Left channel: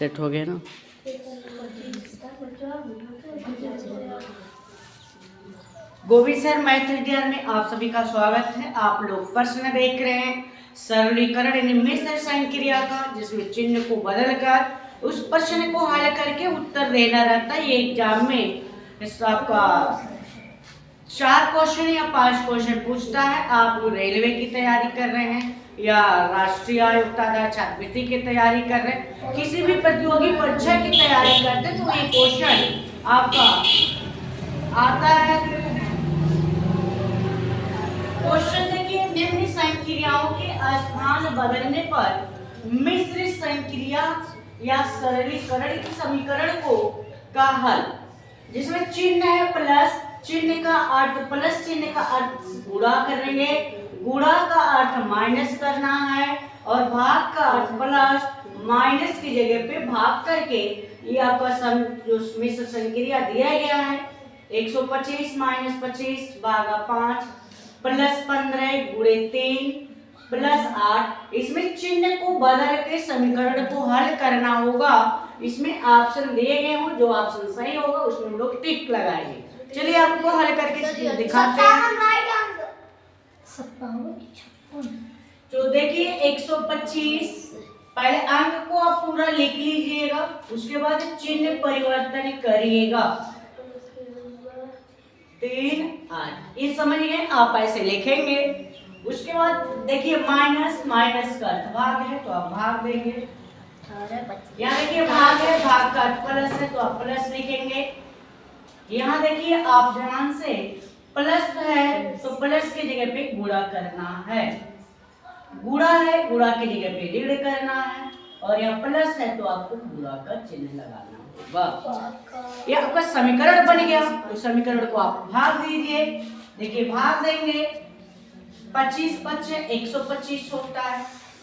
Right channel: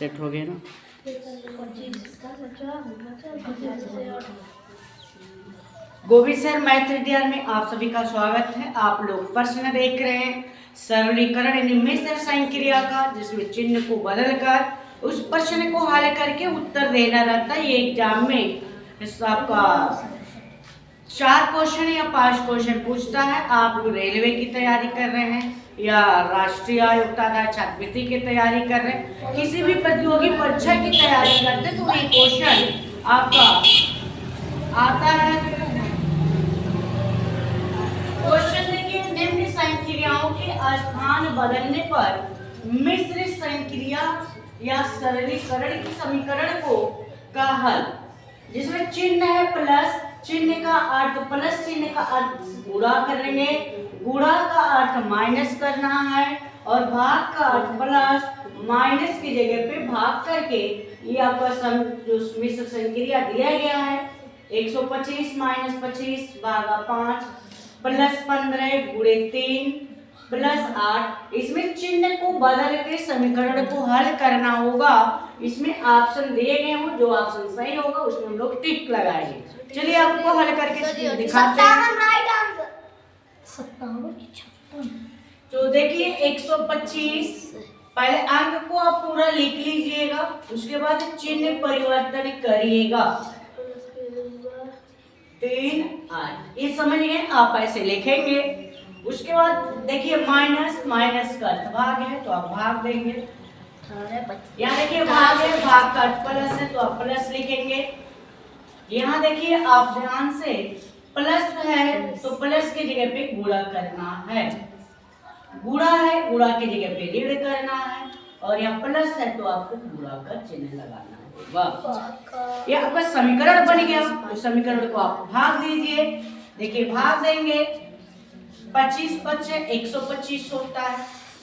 Set हो गया ना। गोविंद सर मैथ टीआर में आप सभी का स्वागत है। आप लोग प्रश्न देख रहे हैं सरलीकरण यानी मिश्र संक्रिया का, जिसमें चिन्ह को बदलकर उस प्रश्न को हल करके उत्तर देना रहता है। ये एग्जाम में आपका 4 क्वेश्चन या 5 क्वेश्चन पूछता है। आप रेलवे की तैयारी कर रहे हैं या राष्ट्रीय आयोग आधार छात्रवृत्ति की तैयारी कर रहे हैं, किसी भी प्रतियोगी परीक्षा की तैयारी करते हैं, तो ये क्वेश्चन आपका आता है। क्वेश्चन देखिए, निम्न संक्रियाओं के स्थान बदलने पर मिश्र संक्रिया या सरलीकरण के समीकरण को का हल, जिसमें चिन्ह है प्लस, चिन्ह का अर्थ प्लस, चिन्ह का अर्थ गुणा करेंगे, गुणा का अर्थ माइनस करना है और भाग का अर्थ प्लस, माइनस की जगह पे भाग करके ये आपका जो मिश्र संक्रिया दिया गया है 125 - 25 भागा 5 प्लस 15 गुणे 3 प्लस 8। इसमें चिन्ह को बदल के समीकरण को हल करना होगा। इसमें ऑप्शन दिए गए हों, जो ऑप्शन सही होगा उसमें हम लोग टिक लगाएंगे। चलिए आपको हल करके दिखाते हैं। तो देखिए 125, पहले अंक को आप पूरा लिख लीजिएगा, उसके बाद चिन्ह परिवर्तन करिएगा। 3 8 ये समझिए, आप ऐसे लिखेंगे। उसके बाद देखिए माइनस, माइनस का अर्थ भाग है तो आप भाग देंगे। यहाँ देखिए भाग है, भाग का अर्थ प्लस है तो आप प्लस लिखेंगे। यहाँ देखिए आप ध्यान से प्लस है तो प्लस की जगह पे गुणा करना है, गुणा है गुणा की जगह पे ऋण करना है, और यहाँ प्लस है तो आपको गुणा का चिन्ह लगाना होगा। ये आपका समीकरण बन गया। तो समीकरण को आप भाग दीजिए। देखिए भाग देंगे, 25 × 5 = 125 होता है,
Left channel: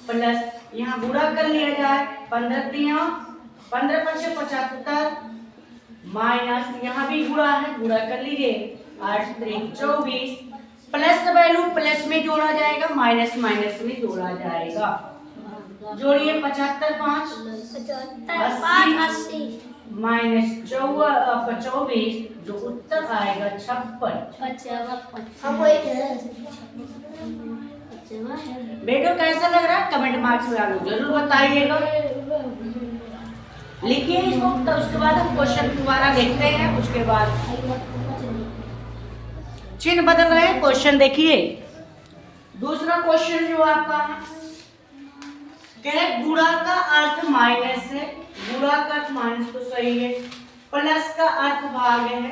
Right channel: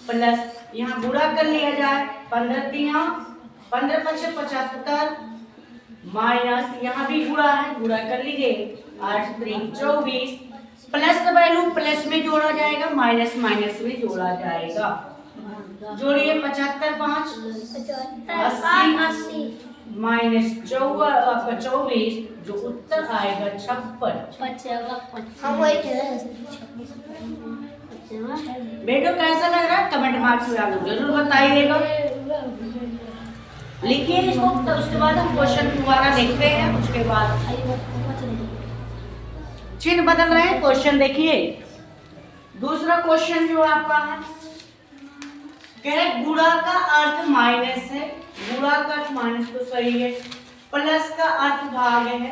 प्लस यहाँ गुणा कर लिया जाए, 15 × 5 = 75 माइनस यहाँ भी गुणा है, गुणा कर लीजिए, 8 × 3 = 24 प्लस वैल्यू प्लस में जोड़ा जाएगा, माइनस माइनस में जोड़ा जाएगा। जोड़िए 75 × 5 = 80 माइनस 24, जो उत्तर आएगा 56। बेटो कैसा लग रहा है कमेंट मार्क्स में आप जरूर बताइएगा। लिखिए इसको, तो उसके बाद हम क्वेश्चन दोबारा देखते हैं। उसके बाद चिन्ह बदल रहे हैं। क्वेश्चन देखिए, दूसरा क्वेश्चन जो आपका है, कह रहे गुणा का अर्थ माइनस है, गुणा का अर्थ माइनस तो सही है, प्लस का अर्थ भाग है,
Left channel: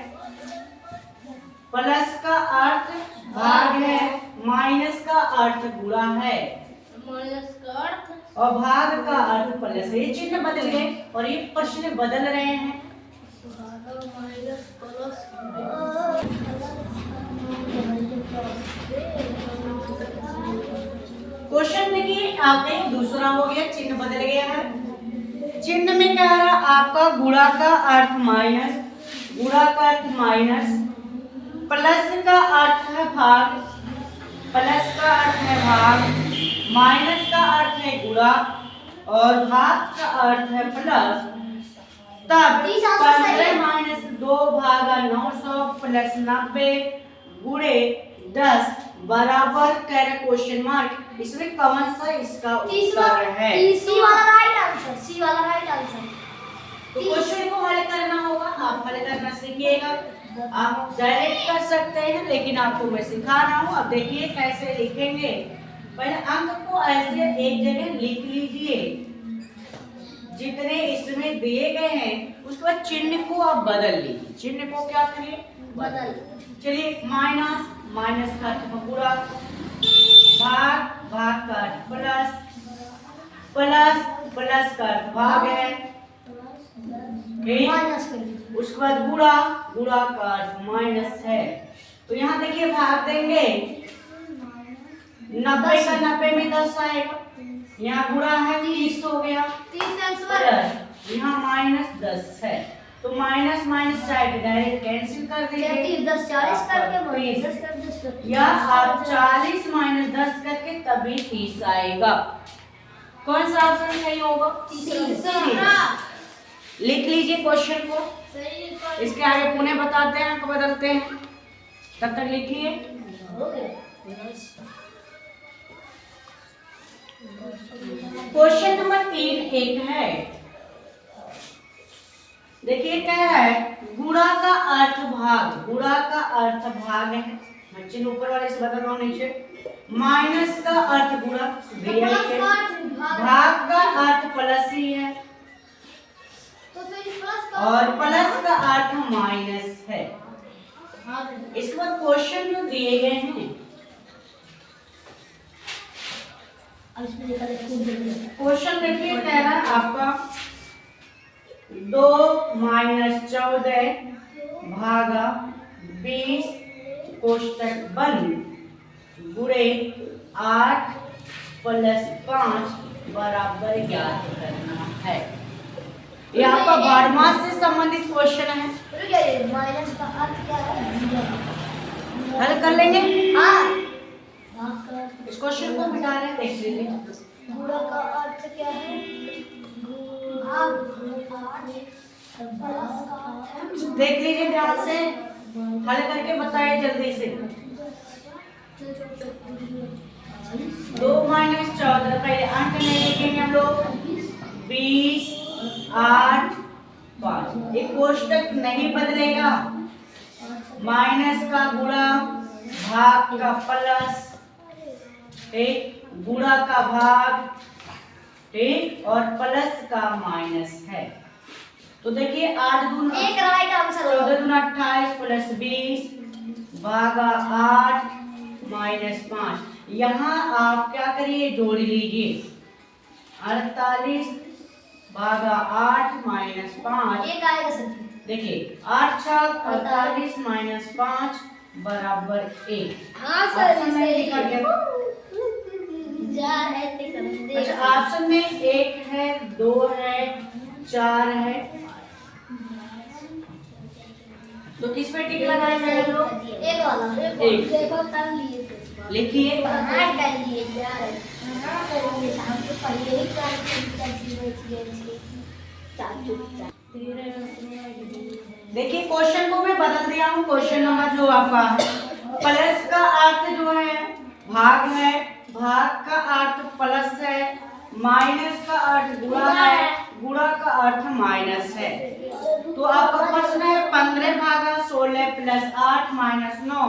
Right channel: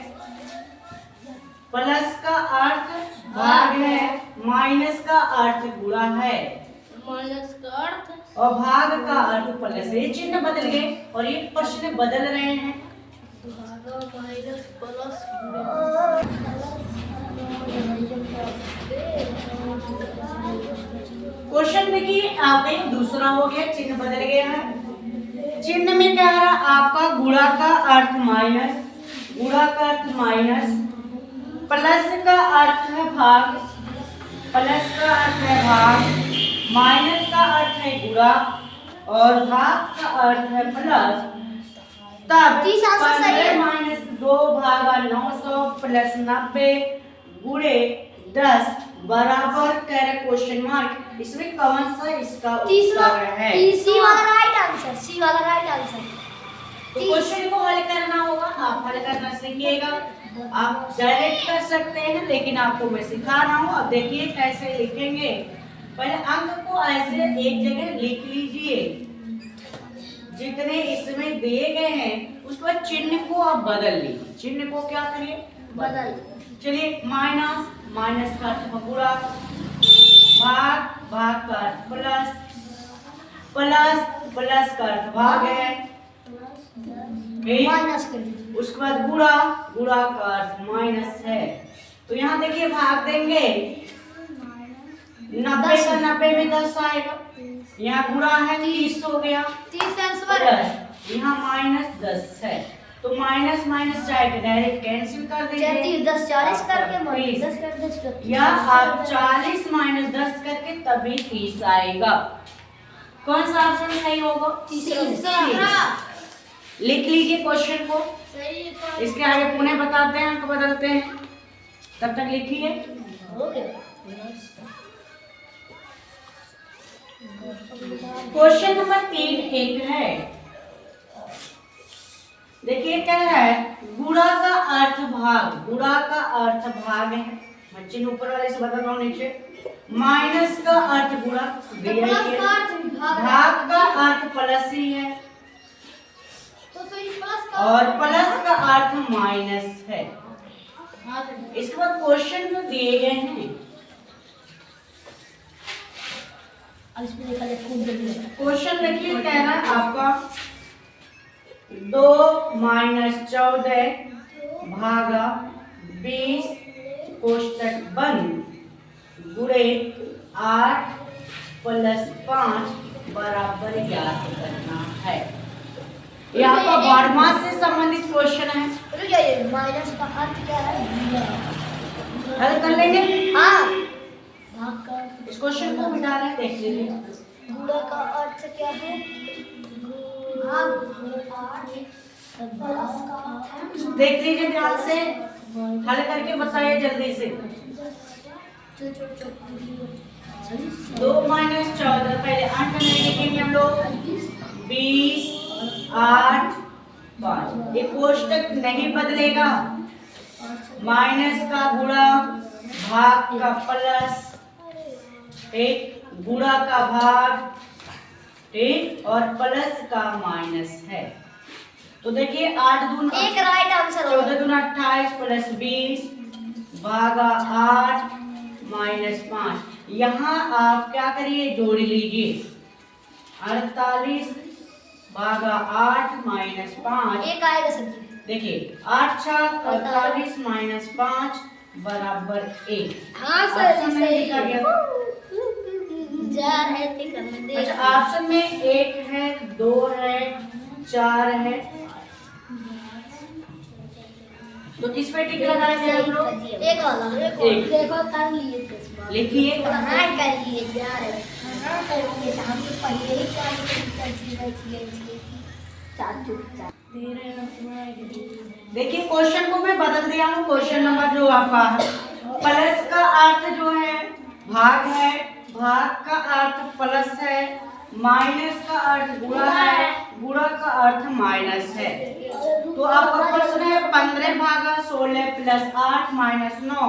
प्लस का अर्थ भाग है, माइनस का अर्थ गुणा है, माइनस का अर्थ और भाग का अर्थ प्लस है। ये चिन्ह बदल गए और ये प्रश्न बदल रहे हैं। क्वेश्चन देखिए, आपने दूसरा हो गया, चिन्ह बदल गया है। चिन्ह में क्या है आपका गुणा का अर्थ माइनस, गुणा का अर्थ माइनस, प्लस का अर्थ है भाग, प्लस का अर्थ है भाग, माइनस का अर्थ है गुणा और भाग का अर्थ है प्लस। तब 15 - 2 भागा 900 प्लस 90 गुणे 10 बराबर कर क्वेश्चन मार्क। इसमें कौन सा इसका उत्तर है? सी वाला राइट आंसर, सी वाला राइट आंसर। तो क्वेश्चन को हल करना होगा, आप हल करना सीखिएगा। आप डायरेक्ट कर सकते हैं, लेकिन आपको मैं सिखा रहा हूँ। अब देखिए कैसे लिखेंगे। पहले अंक को ऐसे एक जगह लिख लीजिए जितने इसमें दिए गए हैं, उसके बाद चिन्ह को आप बदल लीजिए। चिन्ह को क्या करिए? बदल। चलिए माइनस, माइनस का अर्थ पूरा, भाग, भाग का अर्थ प्लस, प्लस, प्लस का अर्थ भाग है, उसके बाद गुणा, गुणा का अर्थ माइनस है। तो यहाँ देखिए भाग देंगे, 90 का 90 में 10 आएगा, यहाँ गुणा है 30 हो गया, प्लस यहाँ माइनस 10 है, तो माइनस माइनस जाएगा, डायरेक्ट कैंसिल कर दीजिए। 10 40 करके 10 कर 10 या आप 40 - 10 करके तभी 30 आएगा। कौन सा ऑप्शन सही होगा? लिख लीजिए क्वेश्चन को, सही है। इसके आगे पुनः बताते हैं, अंक बदलते हैं, तब तक लिखिए। हो गया। क्वेश्चन नंबर 3 एक है, देखिए कह रहा है गुणा का अर्थ भाग, गुणा का अर्थ भाग है, मैं चिन्ह ऊपर वाले से बदल रहा हूं नीचे, माइनस का अर्थ गुणा दिया ही है, भाग का अर्थ प्लस ही है, तो सही प्लस का और प्लस का अर्थ माइनस है। इसके बाद क्वेश्चन जो दिए गए हैं, क्वेश्चन देखिए कह रहा है आपका 2 - 14 भागा 20 कोष्टक बंद गुणे 8 + 5 बराबर ज्ञात करना है। यहाँ पर बारहवां से संबंधित क्वेश्चन है, माइनस का अर्थ क्या है? हल कर लेंगे। हाँ, भाग का इस क्वेश्चन को मिटा रहे हैं, देख लीजिए। गुणा का अर्थ क्या है? भाग प्लस का अर्थ देख लीजिए ध्यान से, हल करके बताइए जल्दी से। 2 - 14 पहले अंक नहीं लिखेंगे हम लोग, 20 8 5, ये कोष्टक नहीं बदलेगा, माइनस का गुणा, भाग का प्लस, ठीक, गुणा का भाग, ठीक, और प्लस का माइनस है। तो देखिए 8 दून एक राइट आंसर 14 दून 28 प्लस 20 भागा 8 माइनस 5। यहाँ आप क्या करिए, जोड़ लीजिए, 48 भागा 8 माइनस 5, एक आएगा सर। देखिए 8 छक 48 माइनस 5 बराबर 1। हाँ ऑप्शन में लिखा गया, अच्छा ऑप्शन में 1 है, 2 है, 4 है, तो किस पे टिक लगाएंगे हम लोग? एक वाला एक। देखो कर लिए लिखिए, हाँ कर लिए यार, हाँ कर लिए, हम तो पहले ही देखिए क्वेश्चन को मैं बदल दिया हूँ। क्वेश्चन नंबर जो आपका है, प्लस का अर्थ जो है भाग है, भाग का अर्थ प्लस है, माइनस का अर्थ गुणा है, गुणा का अर्थ माइनस है। तो आपका प्रश्न है 15 भागा 16 प्लस 8 माइनस 9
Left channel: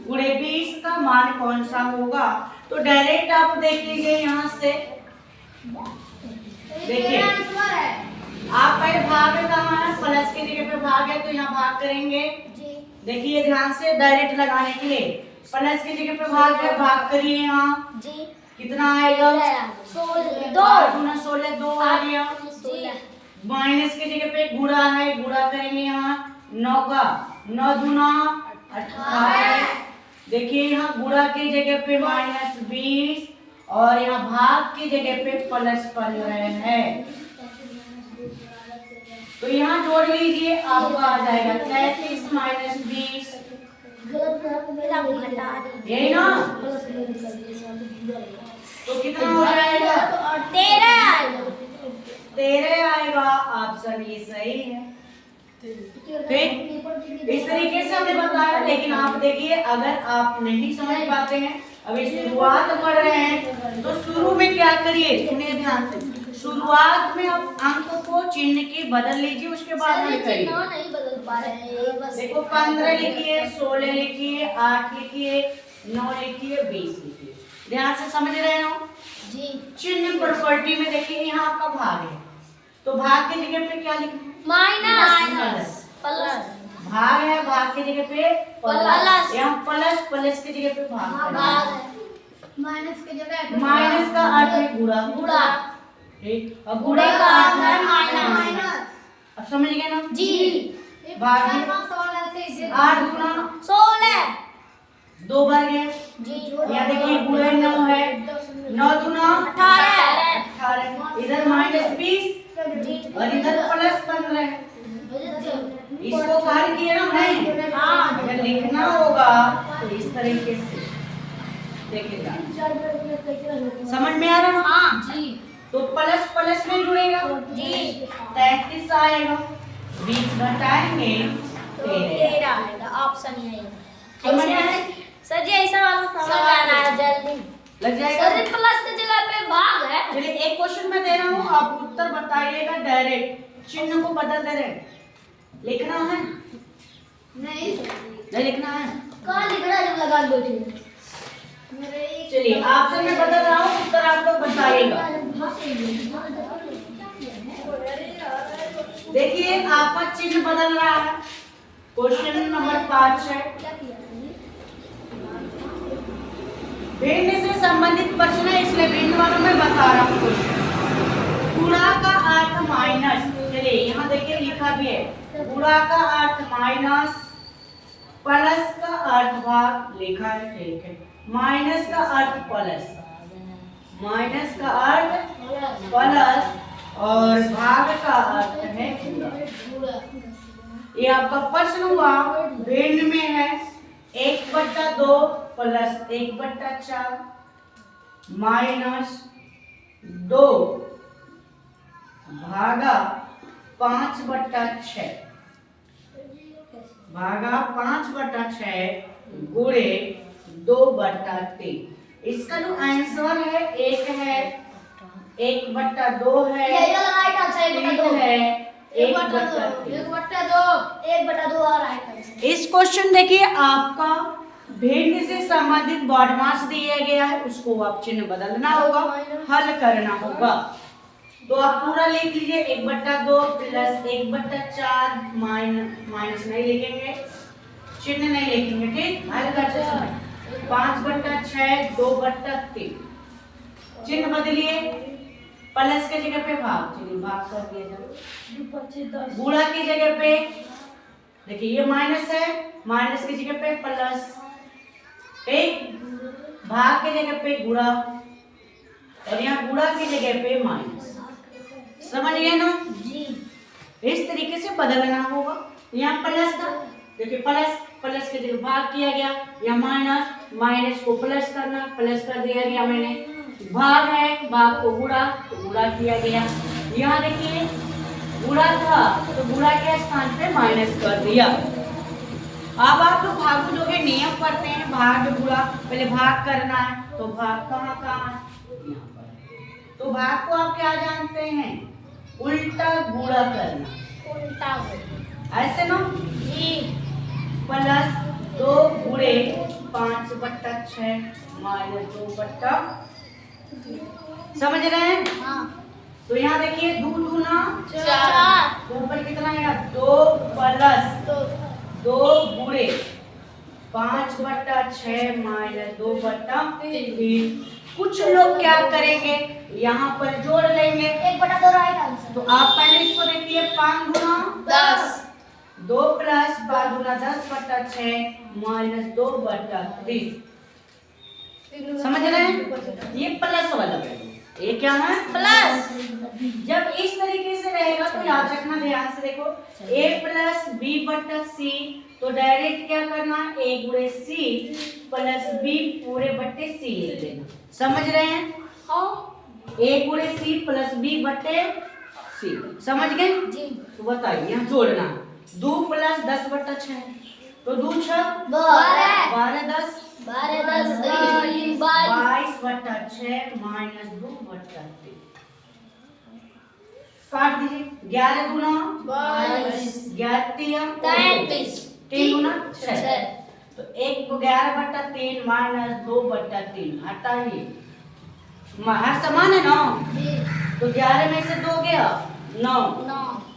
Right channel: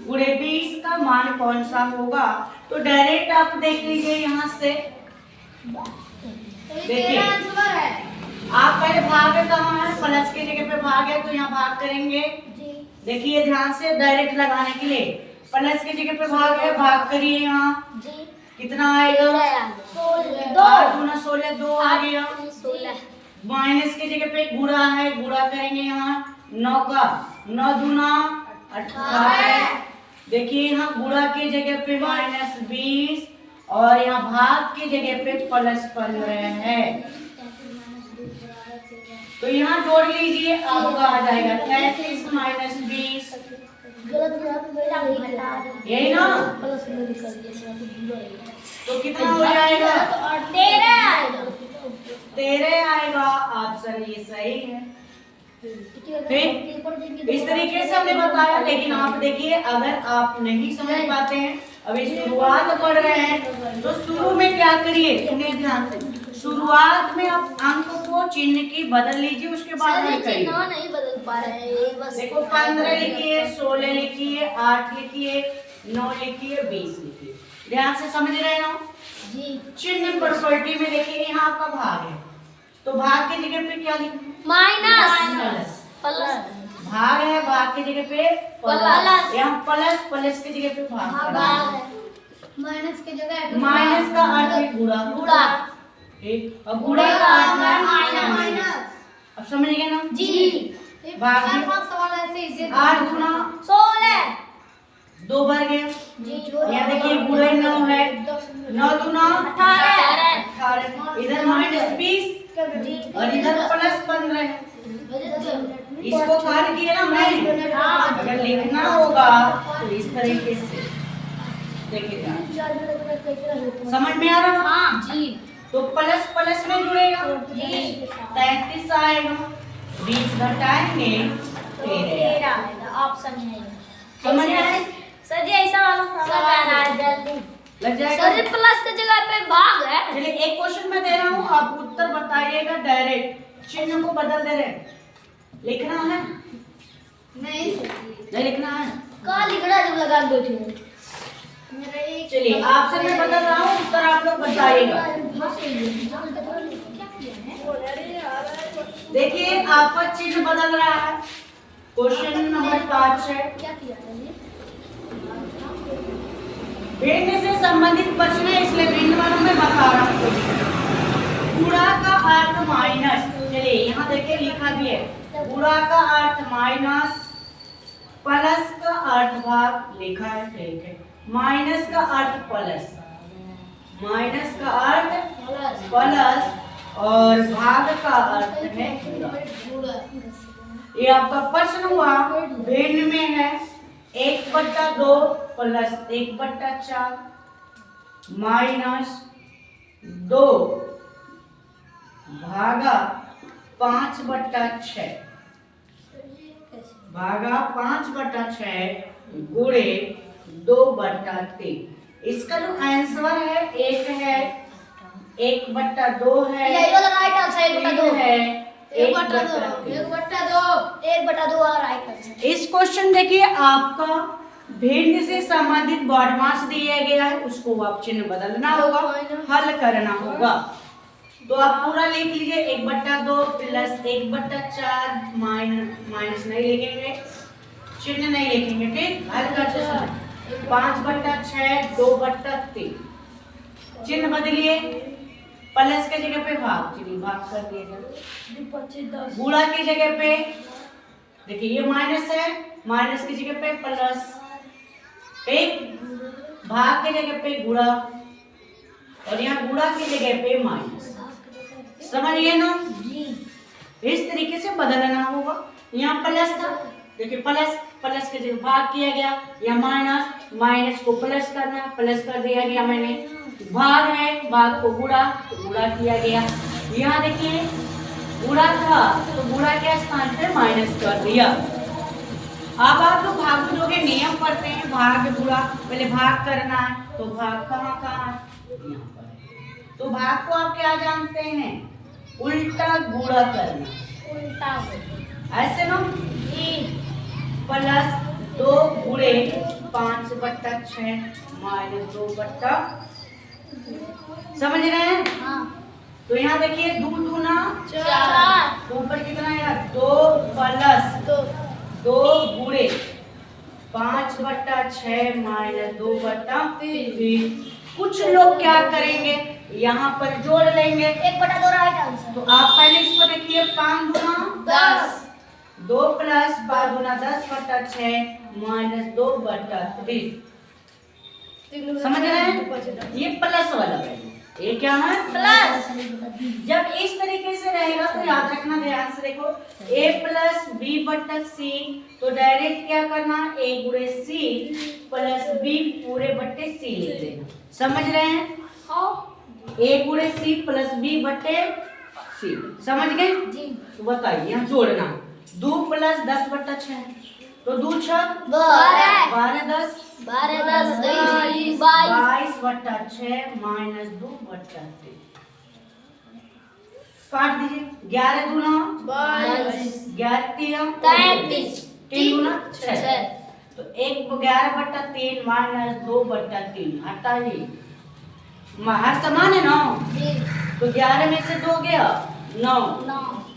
गुणे 20 का मान कौन सा होगा? तो डायरेक्ट आप देख लीजिए यहाँ से, देखिए आप पहले भाग कहाँ है, प्लस की जगह पे भाग है, तो यहाँ भाग करेंगे। देखिए ध्यान से, डायरेक्ट लगाने के लिए प्लस की जगह पे भाग है, भाग करिए, यहाँ कितना आएगा? 8 गुना 16 2 आ गया। माइनस की जगह पे गुणा है, गुणा करेंगे यहाँ 9 का 9 दूना 18। देखिए यहाँ गुणा की जगह पे माइनस 20 और यहाँ भाग की जगह पे प्लस 15 है, तो यहाँ जोड़ लीजिए, आपका आ जाएगा 33 माइनस 20, यही ना, तो कितना हो जाएगा? 13 आएगा। ऑप्शन ये सही है। फिर इस तरीके से हमने बताया, लेकिन आप देखिए अगर आप नहीं समझ पाते हैं, अभी शुरुआत पढ़ रहे हैं, तो शुरू में क्या करिए, सुनिए ध्यान से, शुरुआत में आप अंक को चिन्ह की बदल लीजिए, उसके बाद हल करिए। नहीं बदल पा रहे हैं, देखो 15 लिखिए, 16 लिखिए, 8 लिखिए, 9 लिखिए, 20 लिखिए, ध्यान से समझ रहे हो जी। चिन्ह प्रॉपर्टी में देखिए यहाँ आपका भाग है, तो भाग की जगह पे क्या लिखना? माइनस प्लस, भाग है, भाग की जगह पे प्लस, यहाँ प्लस, प्लस की जगह पे भाग, माइनस की जगह माइनस का अर्थ है गुणा, गुणा, ठीक, और गुणा का अर्थ है माइनस। अब समझ गए ना जी। भाग में 8 गुना 16 2 बार गया, यहाँ देखिए गुणे 9 है, 9 दूना 18, इधर माइनस 20 और इधर प्लस 15 है। इसको खाली किए ना हमने, अगर लिखना होगा तो इस तरीके से देखिएगा, समझ में आ रहा ना? हाँ जी। तो प्लस प्लस में जुड़ेगा जी 33 आएगा, 20 घटाएंगे तो 13 आएगा ऑप्शन में। समझ में आए? सर जी ऐसा वाला समझ आ रहा है जल्दी। लग जाएगा। सर प्लस की जगह पे भाग है। चलिए एक क्वेश्चन मैं दे रहा हूँ, आप उत्तर बताइएगा डायरेक्ट, चिन्ह को बदल दे रहे, लिखना है नहीं नहीं लिखना है। कहाँ लिखना जब लगा दो थे। चलिए आपसे मैं बदल रहा हूँ, उत्तर आप लोग बताइएगा। देखिए आपका चिन्ह बदल रहा है। क्वेश्चन नंबर 5 है, भिन्न से संबंधित प्रश्न है, इसलिए भिन्न वालों में बता रहा हूँ। गुणा का अर्थ माइनस, चलिए यहाँ देखिए लिखा भी है, गुणा का अर्थ माइनस, प्लस का अर्थ भाग लिखा है, ठीक है। माइनस का अर्थ प्लस, माइनस का अर्थ प्लस और भाग का अर्थ है गुणा। ये आपका प्रश्न हुआ, भिन्न में है 1/2 प्लस 1/4 माइनस 2 भागा 5/6 भागा 5/6 गुणे 2/3। इसका जो आंसर है एक है 1/2 है, ये वाला राइट आंसर है 3 है 1/2 1/2 और राइट आंसर। इस क्वेश्चन देखिए आपका भिन्न से संबंधित बॉडमास दिया गया है, उसको आप चिन्ह बदलना होगा, हल करना होगा। तो आप पूरा लिख लीजिए 1/2 प्लस 1/4 माइनस नहीं लिखेंगे, चिन्ह नहीं लिखेंगे, ठीक। हल करते समय 5/6 2/3 चिन्ह बदलिए, प्लस के जगह पे भाग, चलिए भाग कर दिया जाए। गुणा की जगह पे देखिए ये माइनस है, माइनस की जगह पे प्लस, ठीक। भाग की जगह पे गुणा और यहाँ गुणा की जगह पे माइनस, समझ गए ना जी। इस तरीके से बदलना होगा। यहाँ प्लस था, देखिए प्लस प्लस के जगह भाग किया गया, या माइनस माइनस को प्लस करना, प्लस कर दिया गया मैंने। भाग है, भाग को गुणा तो गुणा किया गया। यहाँ देखिए गुणा था तो गुणा के स्थान पे माइनस कर दिया। अब आप लोग भागो जोगे नियम पढ़ते हैं, भाग गुणा, पहले भाग करना है तो भाग कहाँ कहाँ है, यहाँ पर। तो भाग को आप क्या जानते हैं, उल्टा गुणा करना, उल्टा ऐसे ना, जी। प्लस 2 गुणे 5/6 माइनस 2/, समझ रहे हैं। हाँ तो यहाँ देखिए 2 दूना 4 तो ऊपर कितना है 2 प्लस 2 गुणे 5/6 माइनस 2/3। कुछ लोग क्या करेंगे, यहाँ पर जोड़ लेंगे 1/2 राइट आंसर। तो आप पहले इसको देखिए 5 दूना 10 2 प्लस 5 दूना 10/6 माइनस 2/3, समझ रहे हैं। ये प्लस वाला है, ये क्या है प्लस। जब इस तरीके से रहेगा तो याद रखना, ध्यान से देखो, a प्लस b/c, तो डायरेक्ट क्या करना, a गुणे c प्लस b पूरे बट्टे c लिख देना, समझ रहे हैं। a गुणे c प्लस b बट्टे c, समझ गए जी। तो बताइए यहाँ जोड़ना, 2 प्लस 10/6 तो 2 6 12 10 22/6 माइनस 2/3 काट दीजिए। 11 दूना 11 33 3 दूना 6 तो 11/3 माइनस 2/3 हटाइए, हर समान है ना, तो 11 में से 2 गया 9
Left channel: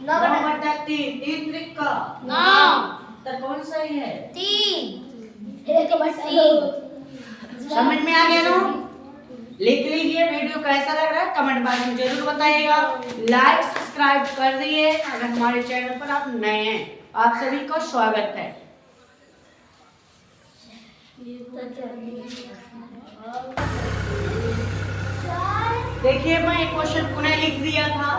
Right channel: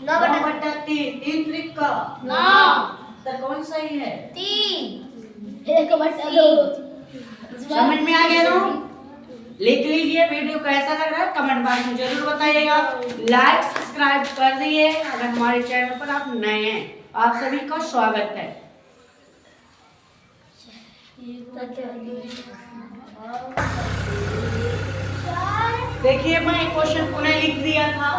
9/3 3 त्रिका 9 तो कौन सही है 3 समझ में आ गया ना। लिख लीजिए। वीडियो कैसा लग रहा है कमेंट बॉक्स में जरूर बताइएगा। लाइक सब्सक्राइब कर दिए अगर हमारे चैनल पर आप नए हैं, आप सभी का स्वागत है। देखिए मैं एक क्वेश्चन पुनः लिख दिया था।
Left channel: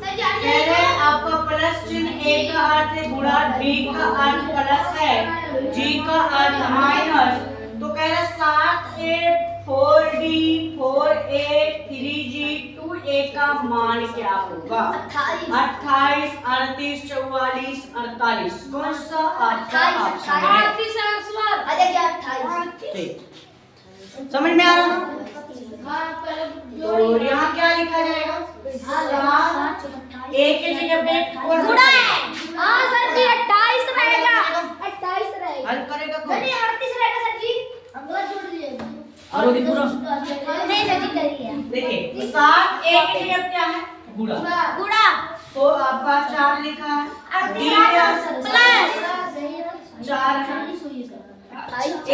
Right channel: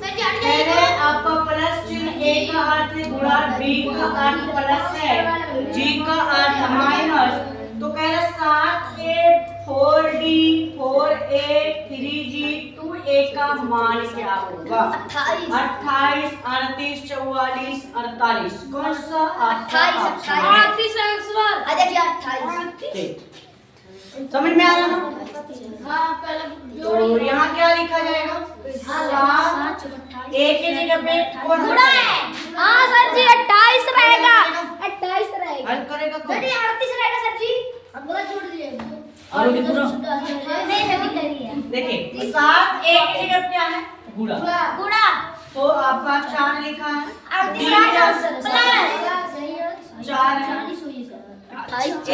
पहले आपका प्लस चिन्ह ए का अर्थ है गुणा, बी का अर्थ प्लस है, जी का अर्थ माइनस, तो कह रहा 7a 4d 4a 3g 2 मान क्या होगा? 28 28, 38, 44, 48। कौन सा आपका ऑप्शन है? 38 है सवाल। आ देखिए 28। ठीक, समझ में आ रहा ना? हाँ पहले तो यहाँ क्या लिखा जाएगा? 7 एक के जगह पे कौन गुणा है? है। हाँ सर जी 28 रहेगा। 28 रहेगा। हल करेगा कौन? नहीं 38 रहेगा सर जी। हम बोला जोड़ दिए। और वो पूरा नहीं नहीं करिए। देखिए 7 एक के जगह पे क्या है? गुणा। गुणा तो आपका 4 लिखा है, 38 रहेगा प्लस 4 है,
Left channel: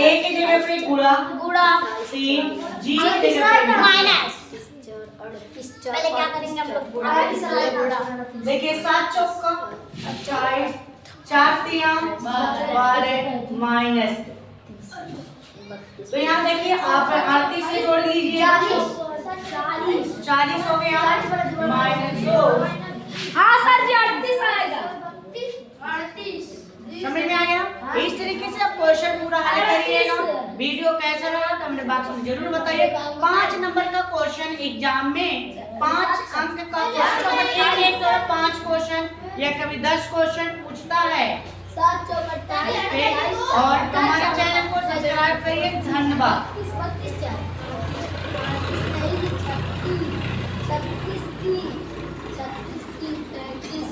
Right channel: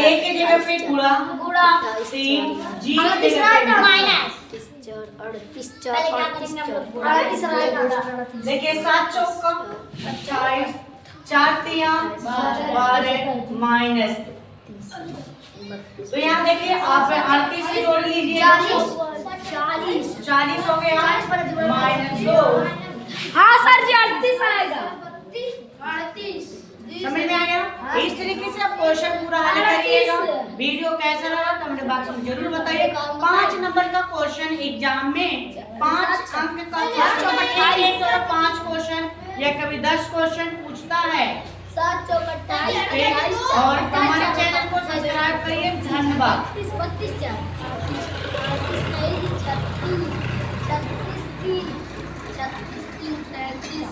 एक के जगह पे गुणा, गुणा 3 जी की जगह पे माइनस 38 पहले क्या करेंगे हम लोग गुणा 38 रहेगा। देखिए 7 चौका 28, 4 तिया 12 माइनस। तो यहाँ देखिए आप 38 से जोड़ लीजिए, 40 हो गया माइनस 2। हाँ सर जी 38 आएगा। 38 समझ में आ गया? इस तरीके से आप क्वेश्चन पूरा हल करिएगा। वीडियो कैसा लगा कमेंट बॉक्स में जरूर बताइए। 5 नंबर का क्वेश्चन एग्जाम में 5 अंक का क्वेश्चन, मतलब एक तो 5 क्वेश्चन या कभी 10 क्वेश्चन पूछता है। 7 चौक 28 ठीक, और हमारे चैनल को सब्सक्राइब करिए। धन्यवाद। 32 36 36 36 36 36